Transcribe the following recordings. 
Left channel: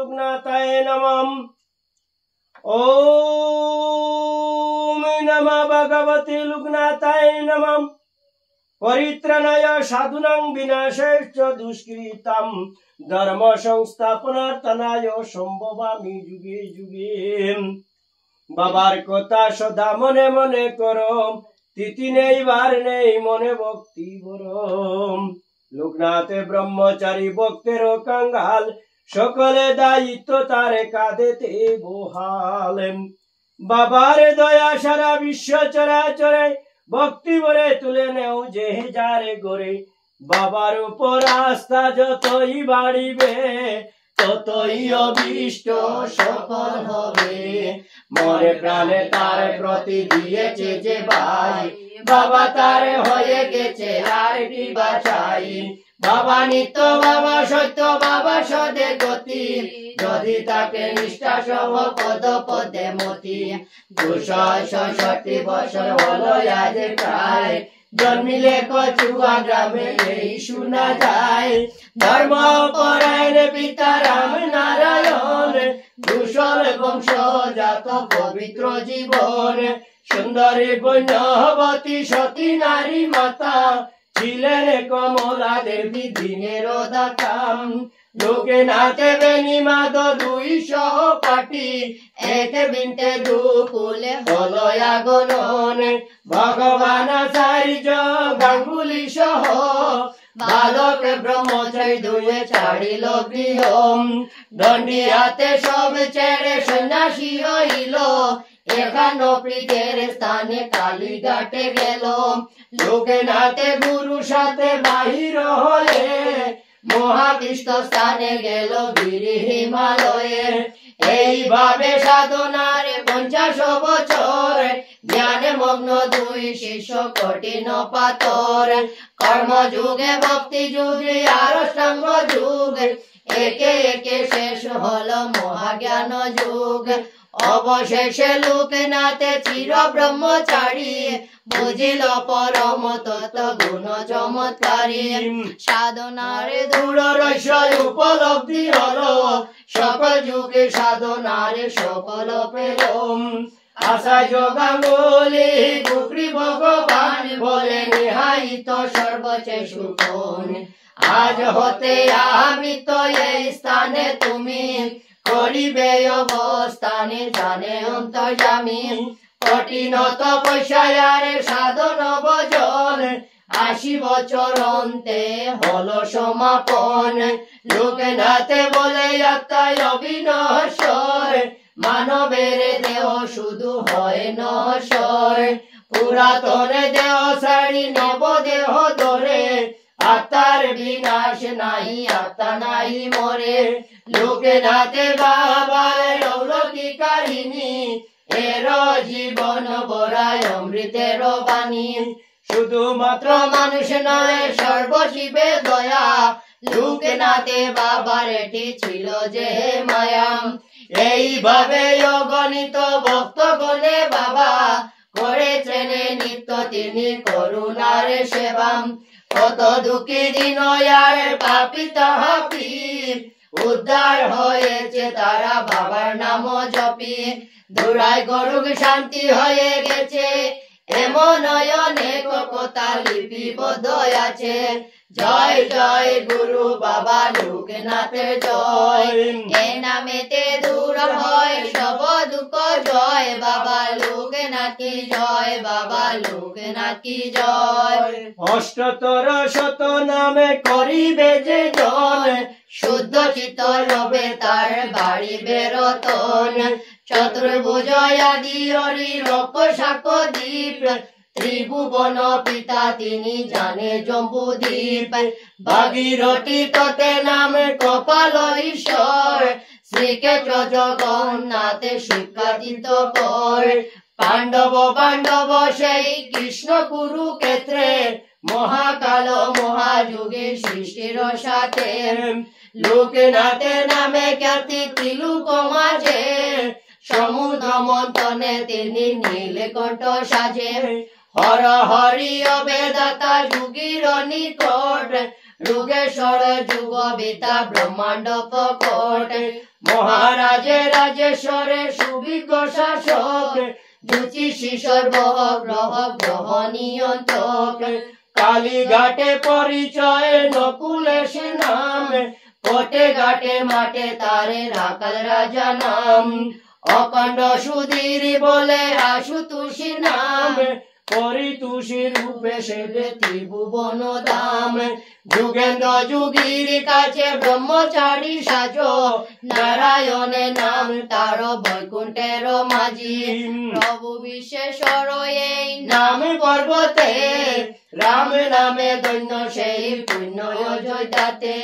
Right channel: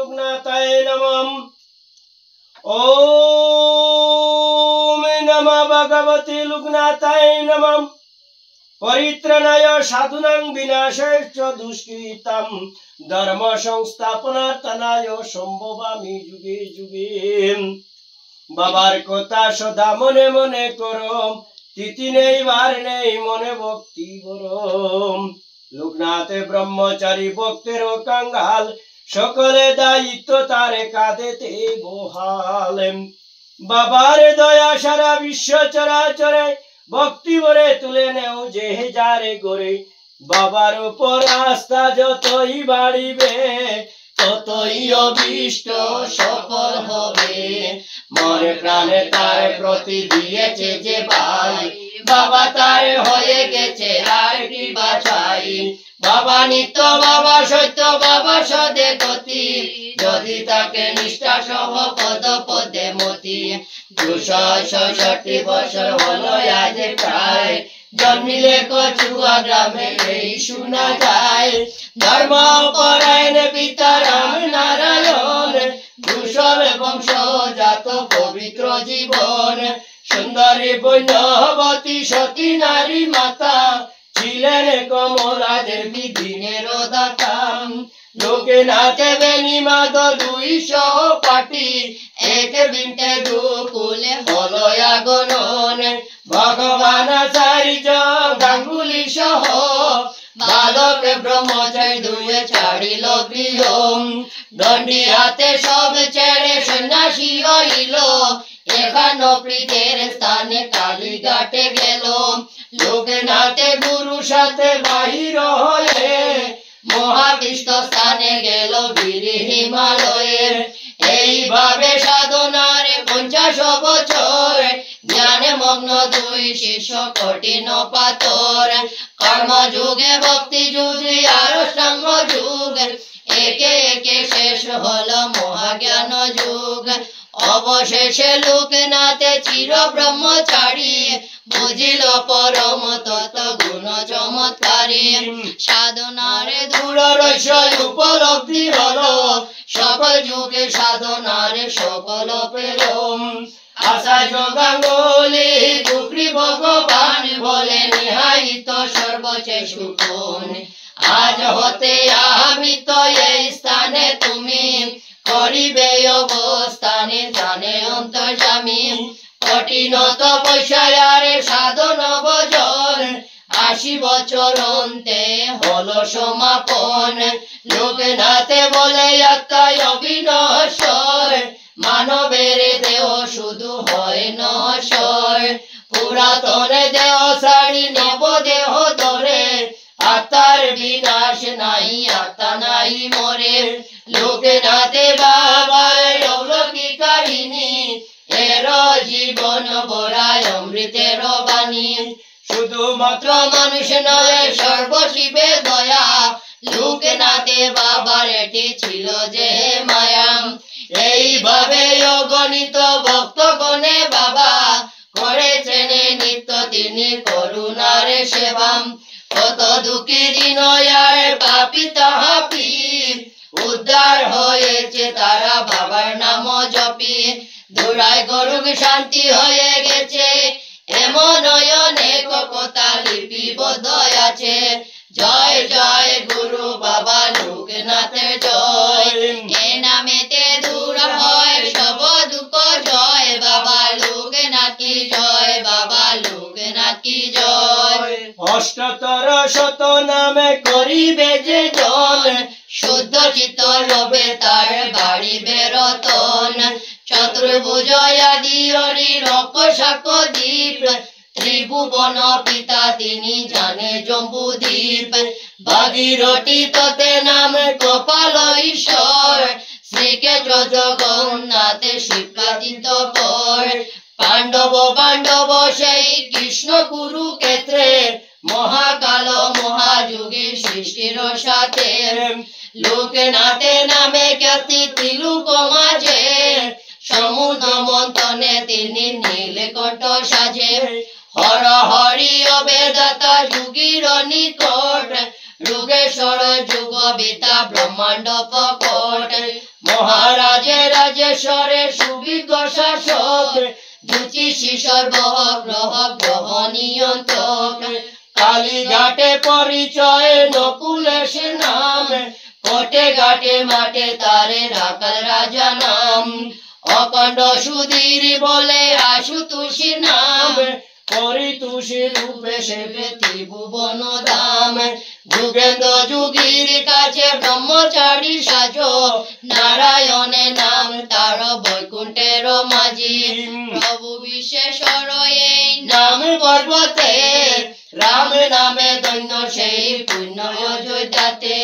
लोकनाथाय नमः। ओम नमः भगवते लोकनाथाय नमः। परित्राणाय साधूनां विनाशाय च दुष्कृतां धर्म संस्थापनार्थाय सम्भवामि जुगे जुगे। बाबार कथा सदा मने मने करो, तिथि नेই বার নেই মনে ভক্তি বরম। লোকনাথে ব্রহ্মচারী ভক্তের কাঙ্গাল, সকলে দায়িত্ব তারে কাঁধেতে বহাল। বাবার দয়া সারা বিশ্ব চরাচরে, ভক্তি ভরে তুলে নেও যে যারে গরে। বাবার উপর আস্থা যতই বাড়িবে, ততই অভিষ্ট সফল হবে। মনে প্রাণে তার প্রতি দিয়েছে যে ভাই, বাবা তার হয়ে গেছে আর কি বাছাই। বাবা নিত্য, বাবা সত্য, বাবা সদে গতি, যদি তাকে নিষ্ঠা সহ পদ পদে মতি। 266 বছর হলো আজ প্রায়, জন্মিলে কচুয়া গ্রামে এই শোনা যায়। ধর্ম পরায়ণ পিতা রাম নারায়ণ, কুশল বংশ জাত পবিত্র জীবন। সুন্দরী বৈষ্ণবতী সতী নারী মাতা, ছিলেন কমলা দেবী দিনের দাতা। লোকনাথে বেণীমাধ 2 সহপাঠী, এক বিন্তে দুকুলে হলো আগমন। ভগবান আচার্য গাঙ্গুলি সহ, বালক ব্রহ্মচারী 2 ছাড়িল গৃহ। দণ্ডি হাতে সব ছেড়ে সন্ন্যাসী হইল, এখানো প্রীতের স্থানে কালীঘাটে গেল। লোকনাথে গুরু সাথে বাহির হয়ে, মহাবিষ্ট স্থানে গেল বীর হিমালয়ের। এইভাবে সাধনার 50 বছর, জ্ঞানে মগ্ন 2 শিষ্য কঠিন পাথর। কর্ম যুগে ভক্তি যুগে আর সঙ্গ যুগ, একে একে শেষ হলো মহাজ্ঞান যুগ। অবশেষে লোকনাথে চির ব্রহ্মচারী, বুঝিল পরম তত্ত্ব গুণ চমৎকারী। সাধনার দৃঢ় রহস্য উপলব্ধি হলো, সকল যুগে সাধনার সকল পেল। আচার্য গাঙ্গুলি দুঃখী ভগবান বলে, নিহাইত সর্বচে সুখন। আজ হতে আমি তো এই স্থানে, তুমি করিবে অবস্থানে জানে অন্তর্যামী। কঠিন তপস্যার সাধন ভজন, 80 বছর অন্তে হলো সমাপন। লোকনাথে বলে আত্মায় অবিনশ্বর, মানবের দেহ শুধু হয় নশ্বর। পুরাতন দেহ ছাড়ি নেব দেহ ধরে, আত্মার বিনাশ নাই, আত্মা নাই মরে। লোকনাথে বাবার অলৌকিক কাহিনী, এর জীবন ভরায় অমৃতের বাণী। শুধুমাত্র মানুষ নয়, সর্বশিবে দয়া, লোকনাথে বাবার এটি ছিল যে মায়া। এইভাবে অগণিত ভক্তগণে বাবা করেছেন নিত্য তিনি করুণার সেবা। কত দুঃখী দিন আর পাপী তাহাপি, উদ্ধার হয়েছে তারা বাবার নাম জপি। দুরাই গরুক শান্তি হয়ে গেছে, এমন অনেক কথা লিপিবদ্ধ আছে। জয় জয় গুরু বাবা লোকনাথের জয়, এ নামেতে দূর হয় সব দুঃখ। জয় বাবা লোকনাথ কি জয়, বাবা লোকনাথ কি জয়। অষ্টতর শত নামে করিবে যে জন, শুদ্ধ চিত্ত রবে তার বাড়িবে রতন। চতুর্ভুজ আদি হরি রক্ষসাক দ্বীপ, ত্রিভুবন পিতা তিনি জানে জম্বুদ্বীপ। ভাগীরথী ততে নাম কপাল ঈশ্বর, শ্রীক্ষেত্র জগন্নাথ শিবকাদিত পর। পাণ্ডব সেই কৃষ্ণ কুরুক্ষেত্রে, মহাকাল মহাযুগে সৃষ্টির সাথে। লোকনাথে নামে খ্যাতি তিলুক মাঝে, সমুদ্র মন্থনে তিনি নীলকণ্ঠ সাজে। হর হরি অবেদাতা যুগীর নিকট, যোগেশ্বর যুগ বিদ্যা ব্রহ্মাণ্ড প্রকট মহারাজে রাজেশ্বরে সুবিজ্ঞ শাসক জ্যোতিষী সর্বগ্রহ গ্রহ নিয়ন্ত্রক কালীঘাটে পরিচয় নকুলেশ নাম কোটে ঘাটে মাঠে তারে রাখাল রাজা নাম অখণ্ড সুধীর বলে আশুতোষী নাম পরিতোষী রূপে সেবে ত্রিভুবন ধাম যুগেন্দ্র যুগীর কাছে ব্রহ্মচারী সাজ নারায়ণে নাম তার বৈকুণ্ঠের মাঝি প্রভু বিশ্বেশ্বর এই নাম পর্বতে রাম নামে দৈন্য সেই পুণ্য অযোধ্যাতে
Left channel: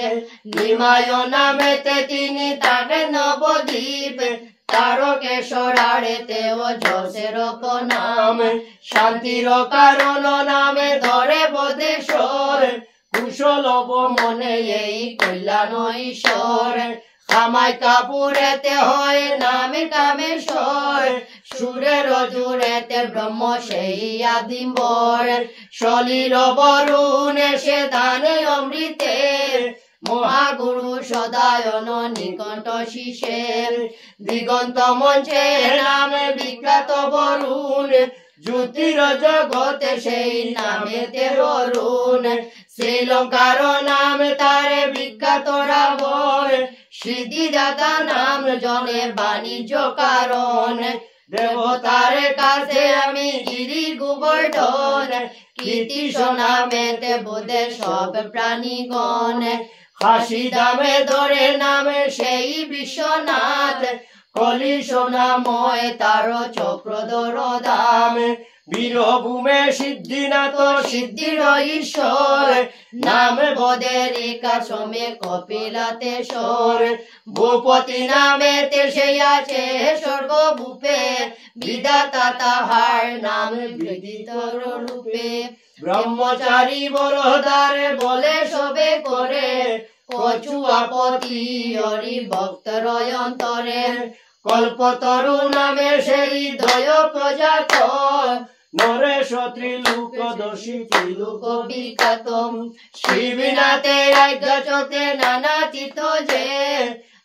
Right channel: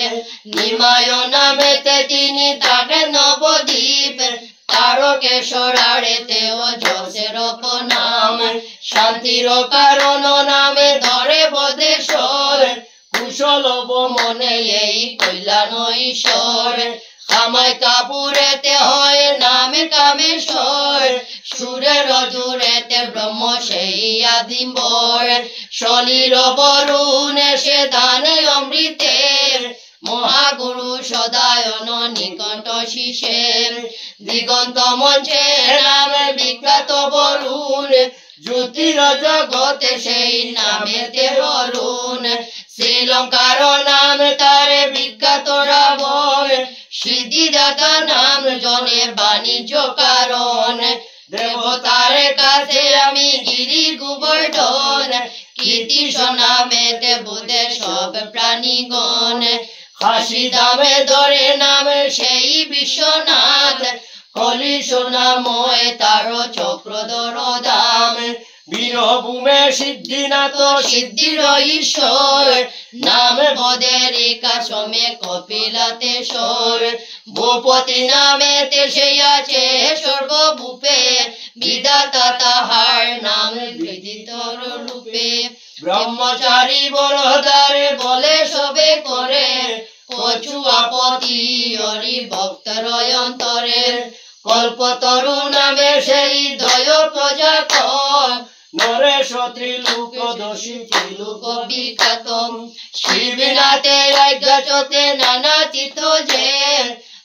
নিমায় নামেতে তিনি তাকে নবদ্বীপ তারকেশ্বর আড়েতে অজসের নাম শান্তির কারণ নামে ধরে বদেশ্বর কুশল মনে এই কল্যাণ ঈশ্বর কামাই কাপুরেতে হয় নামে কামেশ্বর সুরের জুড়েতে ব্রহ্ম সেই আদিম্বর শনির বরুণ সে দানে অমৃতে মহাগুরু সদায়ন নিকণ্ঠ শিশের দিগন্ত মঞ্চে নামে বিখ্যাত বরুণ জ্যোতির জগতে সেই নামেতে অরুণ শ্রীলঙ্কার নাম তারে বিখ্যাত রাবণ সিদ্ধিদাতা নাম জনে বাণিজ্য কারণ দেবতার কাছে আমি গিরি গোবর্ধন কীর্তি নামেতে বোধে সব প্রাণীগণ হাসি দামে ধরে নামে সেই বিশ্বনাথ কলিশ নাময় তার চক্রধর দাম বীরভূমে সিদ্ধিনাথ সিদ্ধির ঈশ্বর নাম বদের কাসমে কপিলাতেশ্বর ভূপতি নামেতে সেই আছে সর্বভূপে বিধাতা তাহার নাম বিদিত রূপে ব্রহ্মচারী বরদারে বলে সবে করে কচুয়াপতি হরি ভক্তর অন্তরের কল্পতরু নামে সেই দয় প্রজাত নরেশ ত্রিলোকদর্শী ত্রিলোক বিখ্যাত শিবনাথে আজ্ঞাচতে নানা চিত্ত যে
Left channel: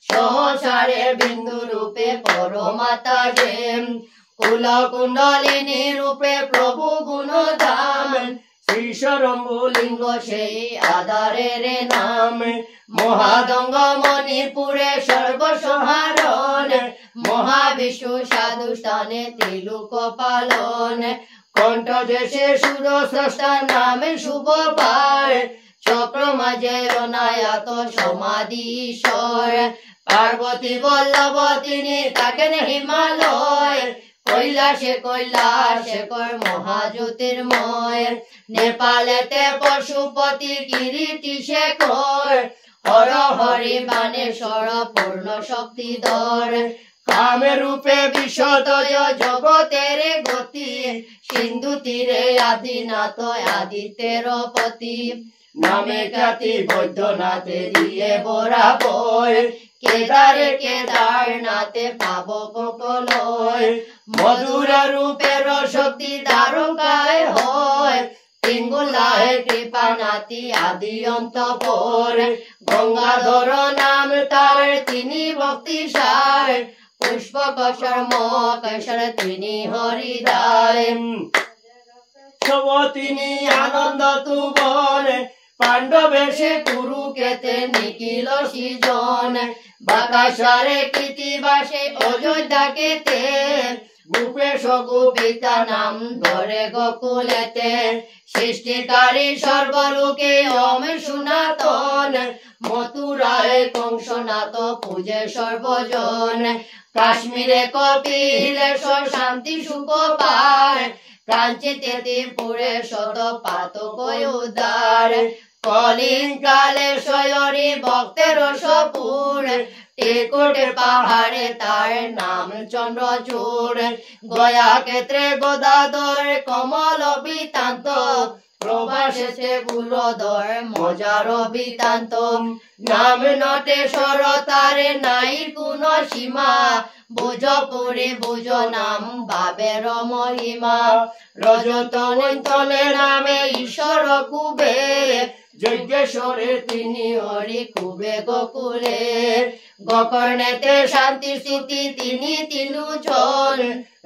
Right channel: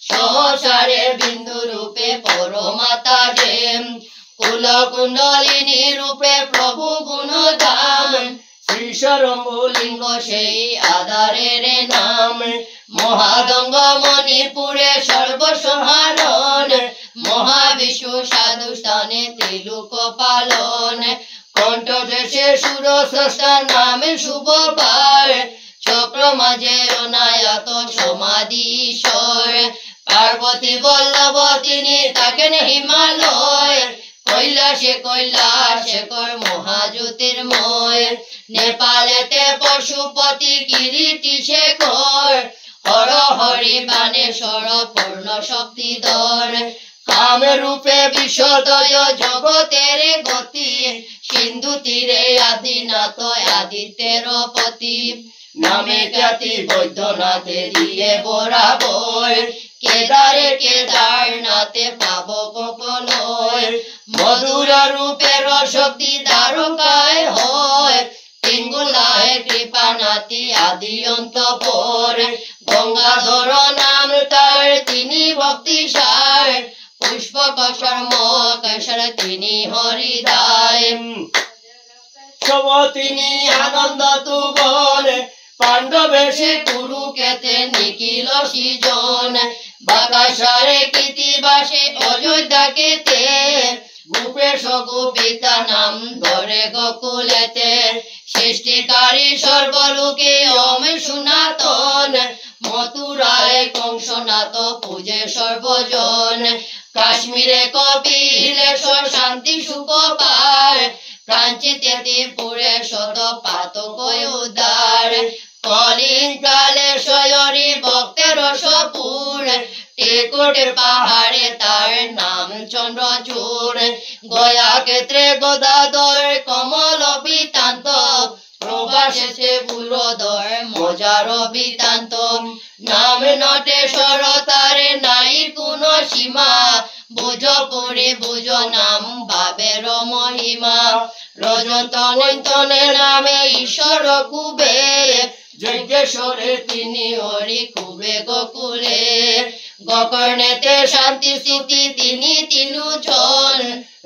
সহসারে বিন্দু রূপে পরমাতা যে কুলকুণ্ডলিনী রূপে প্রভু গুণধাম শ্রীশরম্ভলিঙ্গ সেই আধারের নাম মহাদঙ্গ মণিপুরে সর্বসহারণ মহাবিষ্ণু সাধু স্থানে ত্রিলোক পালন কণ্ঠ দেশে সুর স্রষ্টা নামে শুভ পায় চক্র মাঝে অনায়াত সমাধি ঈশ্বর পার্বতী বল্লভ তিনি থাকেন হিমালয় কৈলাসে কৈলাশেকর মহাজ্যোতির্ময় নেপালেতে পশুপতি কিরীটি শেখর হর হরি বানেশ্বর পূর্ণ শক্তিধর কাম রূপে বিশ্বদয় জগতের গতি সিন্ধু তীরে আদিনাথ আদিত্যের পতি নামে খ্যাতি বৈদ্যনাথে দিয়ে বরাবর কেদারে কেদারনাথে পাব কলয় মধুর রূপের শক্তি দ্বারকায় হয় তিনগুলায় কৃপানাথি আদি অন্তঃপুর গঙ্গাধর নাম তার তিনি ভক্তি সার পুষ্পকশর মকেশ্বর তিনি হরিদায় সব তিনি আনন্দ তুবন পাণ্ডবেশে কুরুক্ষেত্রে নিখিল সৃজন বাকাশারে কৃতিবাসে অযোধ্যা কেতে ভূপেশ গোপিতা নাম ধরে গোকুলেতে সৃষ্টিকারী সর্বলোকে ওম সনাতন মথুরায় কংসনাথ পূজে সর্বজন কাশ্মীরে কপিলেশ্বর শান্তি সুখ পায় কাঞ্চিতে ত্রিপুরে শত পাতক উদ্ধার কলিং কালে শয়রি ভক্তের সপুর টেকটে পাহাড়ে তার নাম চন্দ্রচূড় গয়া ক্ষেত্রে গদাধর কমল বিতান্ত প্রভা ভাসেছে পুরোদর মজার বৃত্তান্ত নাম নটেশ্বর তারে নাই কোনো সীমা বুঝো পুরি বুঝো নাম ভাবের মহিমা রজতনে নামে ঈশ্বর কুবে যজ্ঞেশ্বরে তিনি হরি কুবে গোকুলে গোকর্ণেতে শান্তি স্থিতি তিনি তিলুচন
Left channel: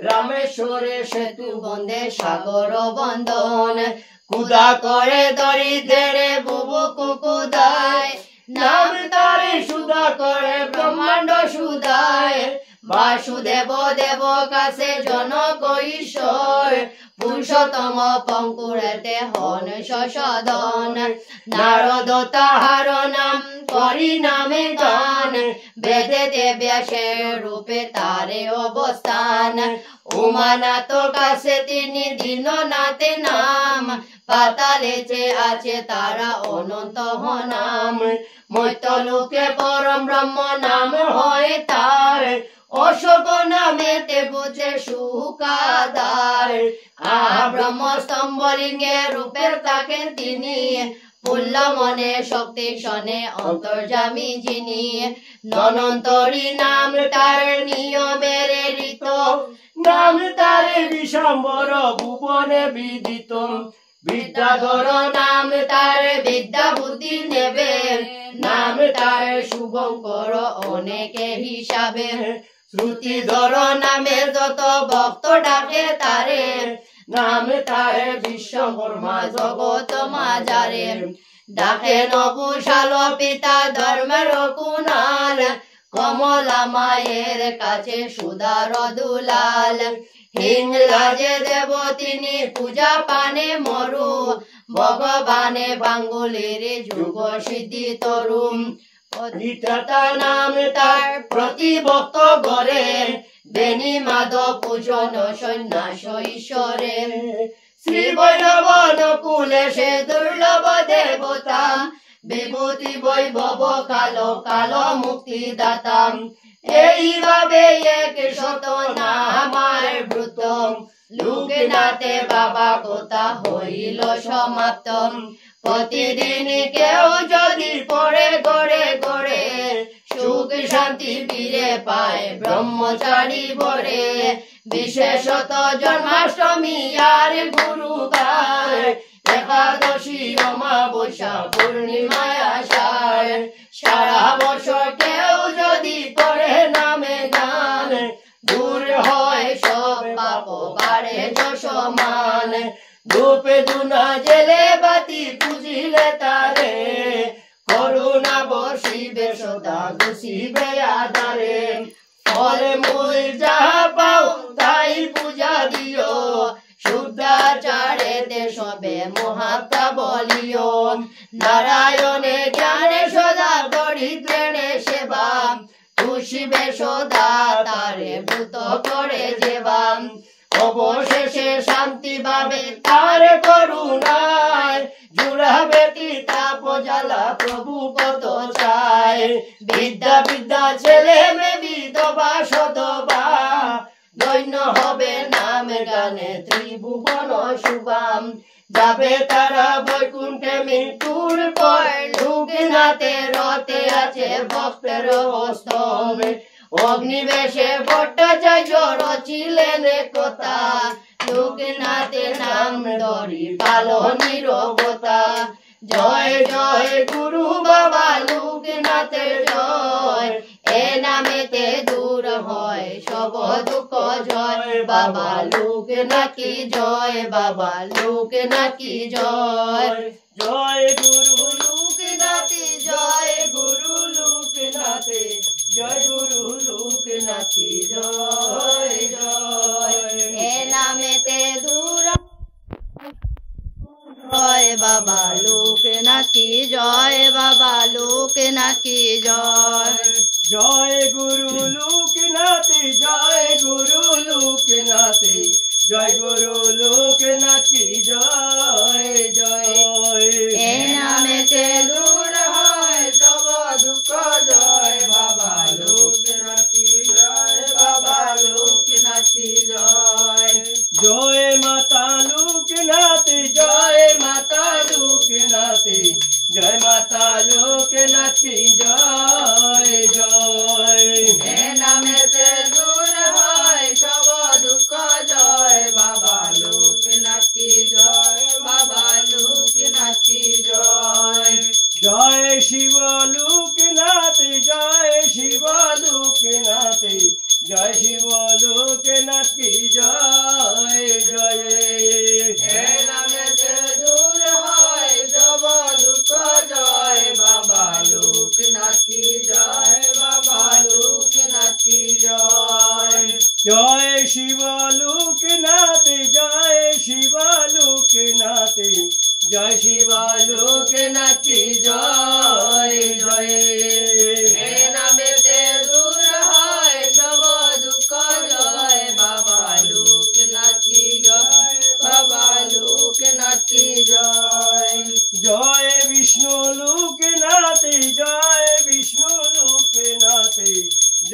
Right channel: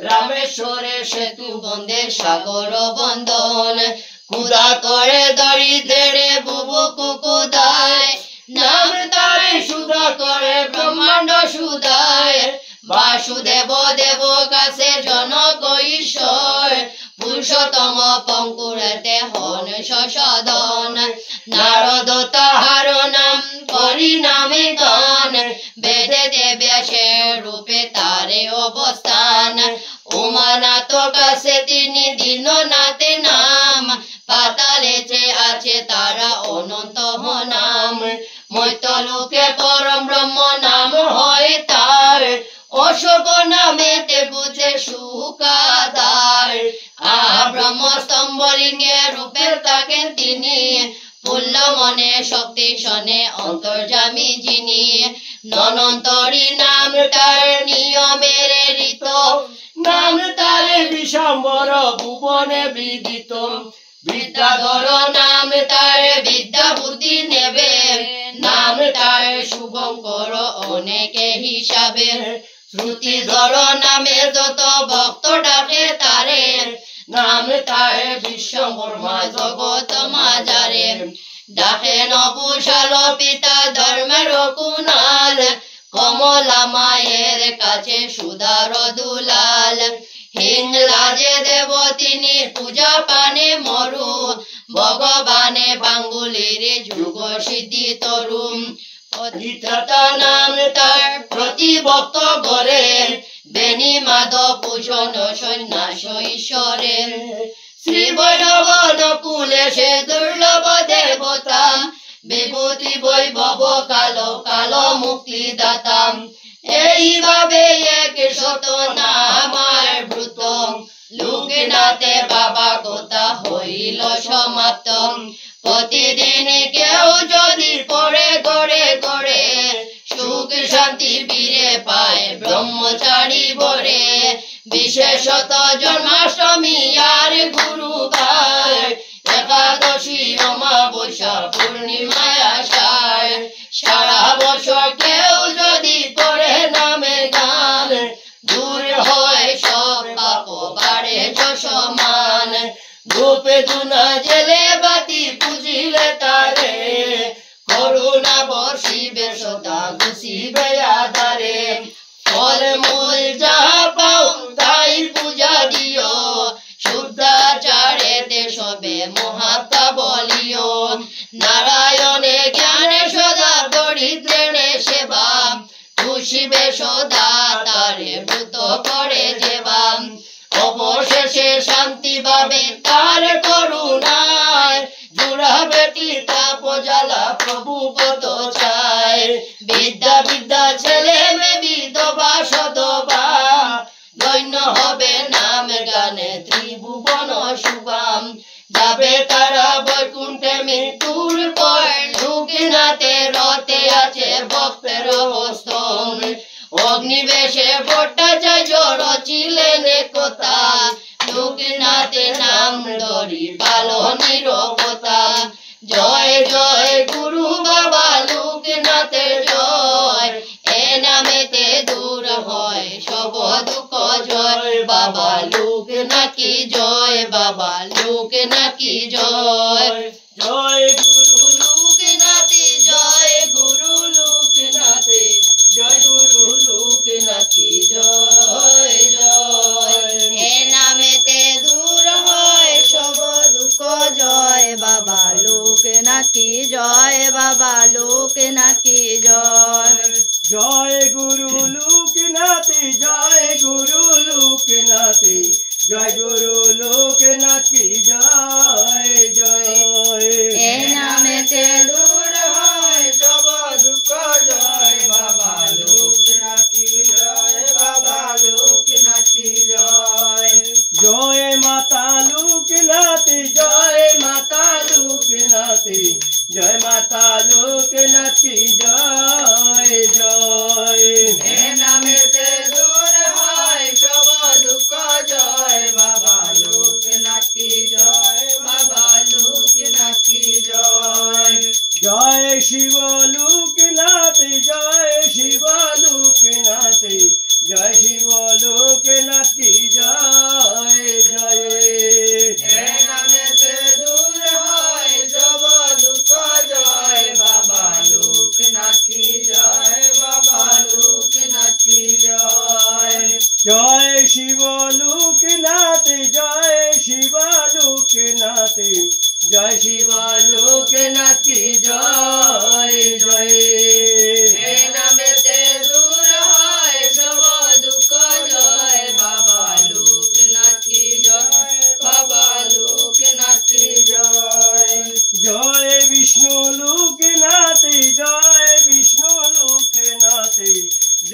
রামেশ্বরে সেতু বন্ধে সাগর বন্ধন কুদা করে দরিদ্রের বুবু কুকুদায় নাম তারে সুধা করে ব্রহ্মাণ্ড সুদায় বাসুদেব দেব কাছে জনক ঈশ্বর পুরুষোত্তম পঙ্কুরেতে হন সদন নারদ তাহার নাম করি নামে গান বেদেতে ব্যাসের রূপে তারে অবস্থান উমানাথ কাছে তিনি দীননাথে নাম পাতালেতে আছে তারা অনন্ত নাম মৈতলোকে পরম ব্রহ্ম নাম হয় তার অশোক নামেতে বুঝে সুখাদার ব্রহ্মস্তম্ভ লিঙ্গে রূপে থাকেন তিনি পুল্ল মনে শক্তি শনে অন্তর্যামী যিনি ননন্তরী নাম তার নিয়মের ঋত নাম তারে বিশাম্বর ভুবনে বিদিত বিদ্যাধর নাম তারে বিদ্যা বুদ্ধি নেবে নাম তারে শুভঙ্কর অনেকে হিসাবে শ্রুতিধর নামে যত ভক্ত ডাকে তারে নাম তারে বিশ্বকর্মা জগৎ মাজারে ডাকে নবুশাল পিতা ধর্মের কুনাল কমলা মায়ের কাছে সুধার দুলাল হিংরাজে দেব তিনি পূজা পানে মরু ভগবানে বাঙ্গুলির যুগ সিদ্ধি তরুণ অধিষ্ঠাতা নাম তার প্রতি ভক্ত গড়ে বেনি মাধব পূজন সন্ন্যাস ঈশ্বরের শ্রী বৈষ্ণব কুলে সে দুর্লভ দেবতা বিভূতি বৈভব কালো কালো মুক্তি দাতা এইভাবে এক শত নামার ব্রত লোকনাথে বাবা কথা হইল সমাপ্ত প্রতিদিন কেউ যদি পড়ে গড়ে গড়ে সুখ শান্তি ফিরে পায় ব্রহ্মচারী বরে বিশেষত জন্মাষ্টমী আর গুরুবার একাদশী অমাবস্যা পূর্ণিমায় আষাঢ় সারা বছর কেউ যদি করে নামে গান দূর হয় সব পাপ বাড়ে যশমান ধূপে ধুনা জেলে বাতি পুজিলে তারে করুণা বর্ষিবে সদা গুছিবে আধারে ফল মূল যাহা পাও তাই পূজা দিও শুদ্ধাচারেতে সবে মহাত্মা বলিও নারায়ণে জ্ঞানে সদা দরিদ্রেণে সেবা খুশিবে সদা তারে ব্রত করে যেবা অবশেষে শান্তি পাবে তার করুণায় জুড়াবে তাপ জ্বালা প্রভু পদ চায় বিদ্যা বিদ্যা ছেলে মেয়ে বিধবা সধবা দৈন্য হবে নাম গানে ত্রিভুবন শুভাম যাবে তারা বৈকুণ্ঠে মৃত্যুর পর লোকনাথে রতে আছে ভক্তের হস্তম অগ্নিবেশে ভট্টাচার্য রচিলেন কথা লোকনাথে নাম ধরি কালো নীরবতা জয় জয় গুরু বাবা লোকনাথে জয় এ নামেতে দূর হয় সব দুঃখ জয় বাবা লোকনাথ কি জয় বাবা লোকনাথ কি জয় জয় গুরু লোকনাথে জয় গুরু লোকনাথে জয় গুরু লোকনাথ কি জয় জয় এ নামেতে দূর হয় সব দুঃখ জয় বাবা লোকনাথ কি জয় বাবা লোকনাথ কি জয় জয় গুরু লোকনাথ জয় গুরু লোকনাথ জয় গুরু লোকনাথ কি জয় জয় এ নামেতে দূর হয় সব দুঃখ জয় বাবা লোকনাথ কি জয় বাবা লোকনাথ কি জয় জয় মাতা লোকনাথ জয় মাতা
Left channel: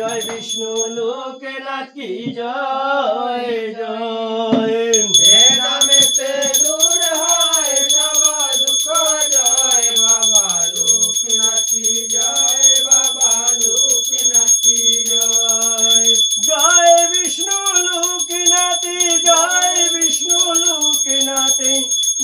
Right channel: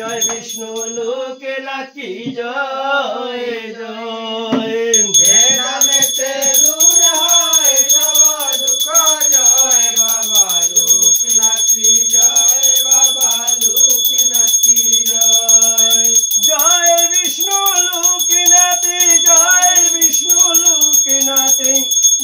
জয় বিষ্ণু লোকনাথী জয় জয়। এ নামেতে দূর হয় সব দুঃখ জয় বাবা লোকনাথী জয় বাবা লোকনাথী জয়। জয় বিষ্ণু লোকনাথী জয় বিষ্ণু লোকনাথী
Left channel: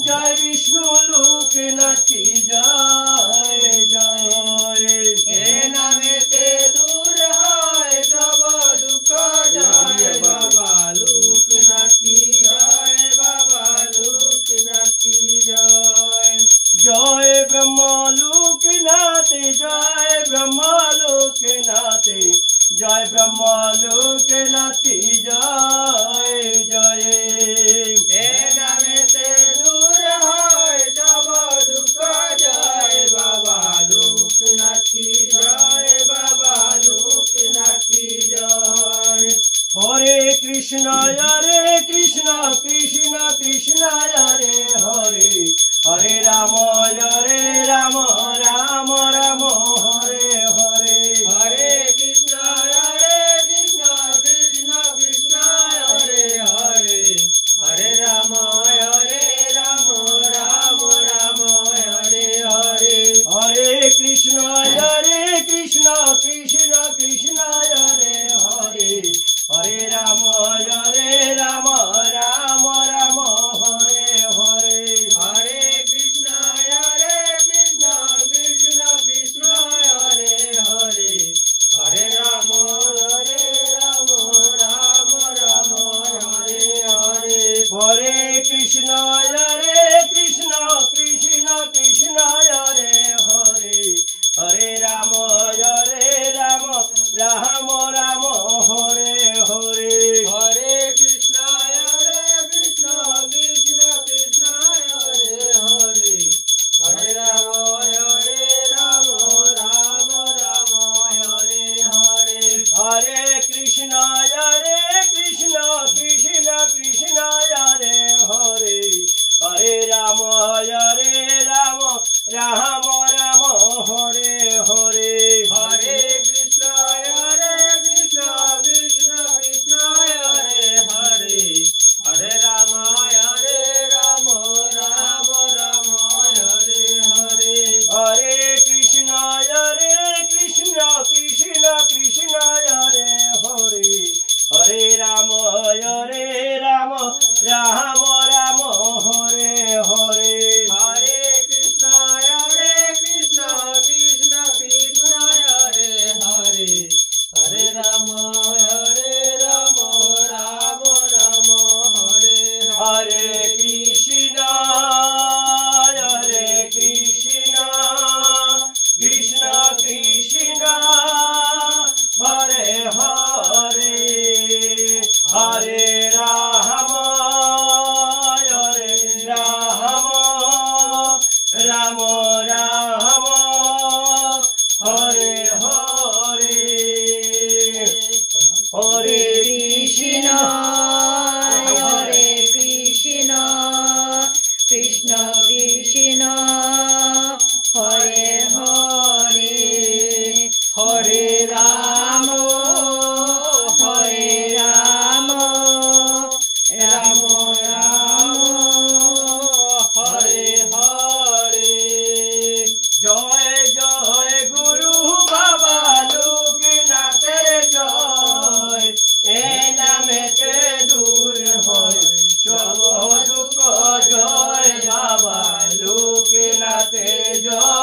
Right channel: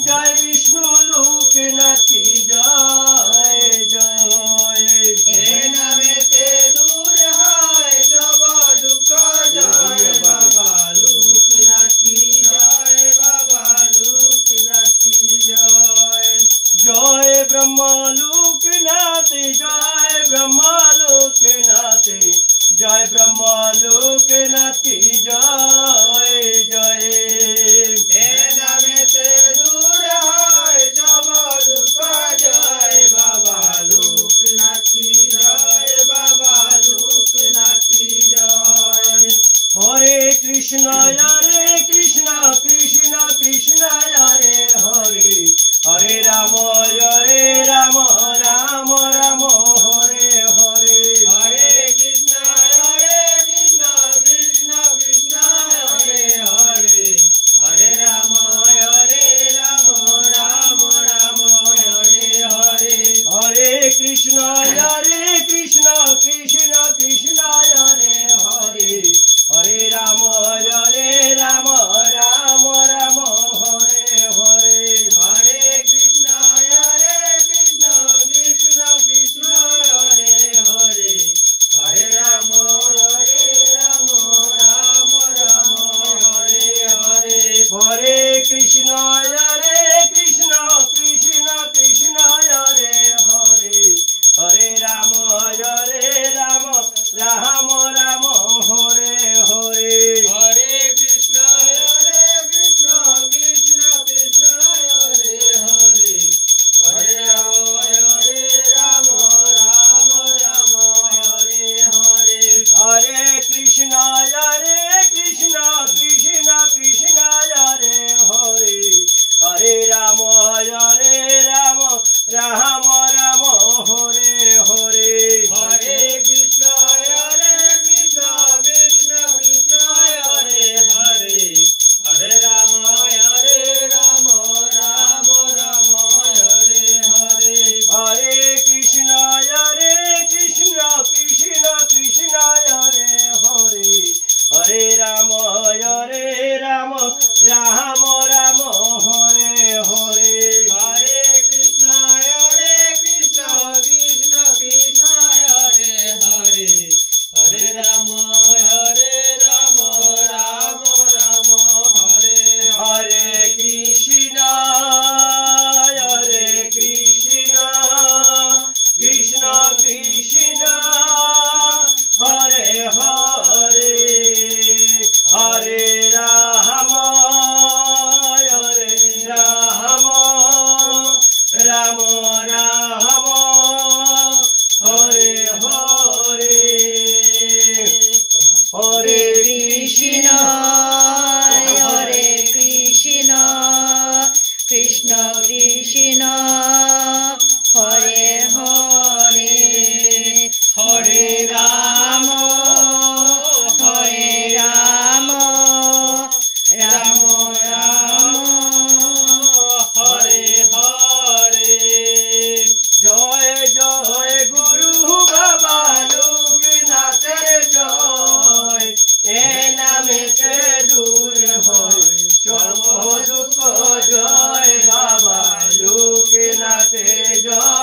জয় বিষ্ণু লোকনাথী জয় জয়। এ নামেতে দূর হয় সব দুঃখ জয় বাবা লোকনাথী জয় বাবা লোকনাথী জয়। জয় ব্রহ্মা লোকনাথী জয় ব্রহ্মা লোকনাথী জয় ব্রহ্মা লোকনাথী জয় জয়। এ নামেতে দূর হয় সব দুঃখ জয় বাবা লোকনাথী জয় বাবা লোকনাথী জয়। হরে কৃষ্ণ কৃষ্ণ কৃষ্ণ হরে হরে হরে রাম রাম রাম রাম হরে হরে। হরে কৃষ্ণ কৃষ্ণ কৃষ্ণ হরে হরে হরে রাম রাম রাম রাম হরে হরে। হরে কৃষ্ণ কৃষ্ণ কৃষ্ণ কৃষ্ণ হরে হরে হরে রাম রাম রাম রাম হরে হরে। হরে কৃষ্ণ কৃষ্ণ কৃষ্ণ কৃষ্ণ হরে হরে হরে রাম রাম রাম রাম হরে হরে। হরে কৃষ্ণ কৃষ্ণ কৃষ্ণ কৃষ্ণ হরে হরে হরে রাম রাম রাম রাম হরে হরে। হরে কৃষ্ণ কৃষ্ণ কৃষ্ণ কৃষ্ণ হরে হরে হরে রাম রাম রাম হরে হরে। হরে কৃষ্ণ কৃষ্ণ কৃষ্ণ কৃষ্ণ হরে হরে হরে রাম রাম রাম রাম হরে হরে। হরে কৃষ্ণ কৃষ্ণ কৃষ্ণ কৃষ্ণ হরে হরে হরে রাম রাম রাম রাম হরে হরে। হরে কৃষ্ণ কৃষ্ণ কৃষ্ণ কৃষ্ণ হরে হরে হরে রাম রাম রাম রাম হরে হরে। হরে কৃষ্ণ কৃষ্ণ কৃষ্ণ কৃষ্ণ হরে হরে হরে রাম রাম রাম হরে হরে। কৃষ্ণ কৃষ্ণ কৃষ্ণ কৃষ্ণ হরে হরে হরে রাম রাম রাম হরে হরে। হরে কৃষ্ণ কৃষ্ণ কৃষ্ণ হরে হরে হরে রাম রাম রাম হরে হরে। জয় জয় গুরু বাবা লোকনাথের জয়। এ নামেতে দূর হয় সব দুঃখ জয় বাবা লোকনাথের জয়।